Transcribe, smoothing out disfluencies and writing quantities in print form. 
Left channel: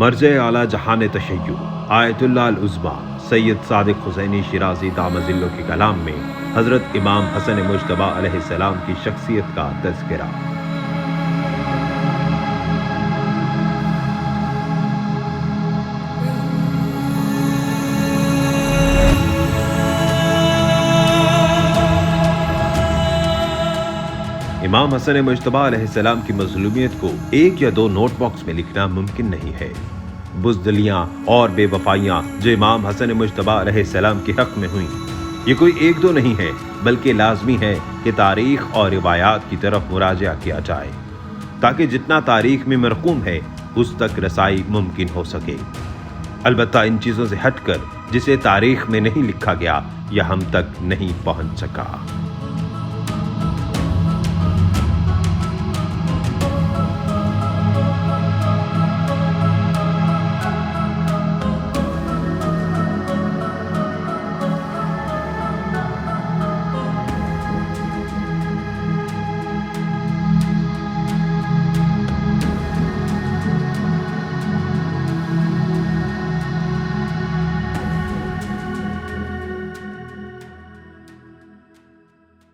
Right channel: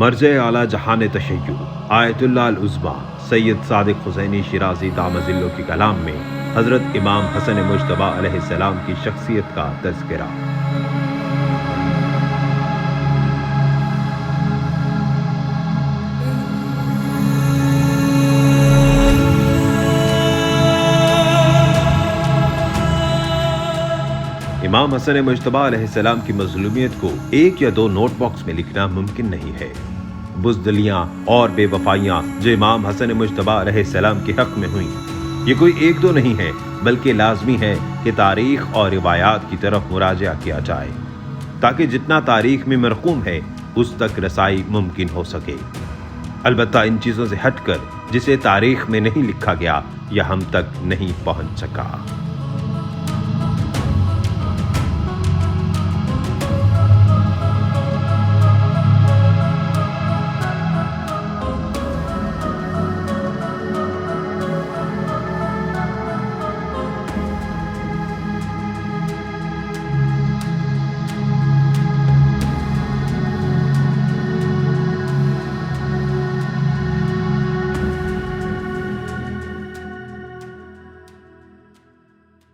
مرجع اعلیٰ جہان تشیع آیت اللہ العظمیٰ سید صادق حسینی شیرازی دامت ظلہ کے کلام میں حضرت امام حسن مجتبیٰ علیہ السلام کی شخصیت کا تذکرہ۔ امام حسن مجتبیٰ علیہ السلام کی مظلومیت کو ایک یا دو نوٹ باکس میں لکھنا ممکن نہیں ہے۔ بزدلیاں اور بے وفائیاں جو امام حسن مجتبیٰ علیہ السلام کے حق میں ہوئیں، یہ کوئی ایک دو نہیں ہے، بلکہ لازمی ہے کہ تاریخ اور روایات کی طرف مراجعہ کیا جائے تاکہ جتنا تاریخ میں مرقوم ہے اس تک رسائی ممکن ہو سکے۔ البتہ ان چیزوں سے ہٹ کر جسے تاریخ میں نہیں لکھا گیا یا ہم تک نہیں پہنچ سکا۔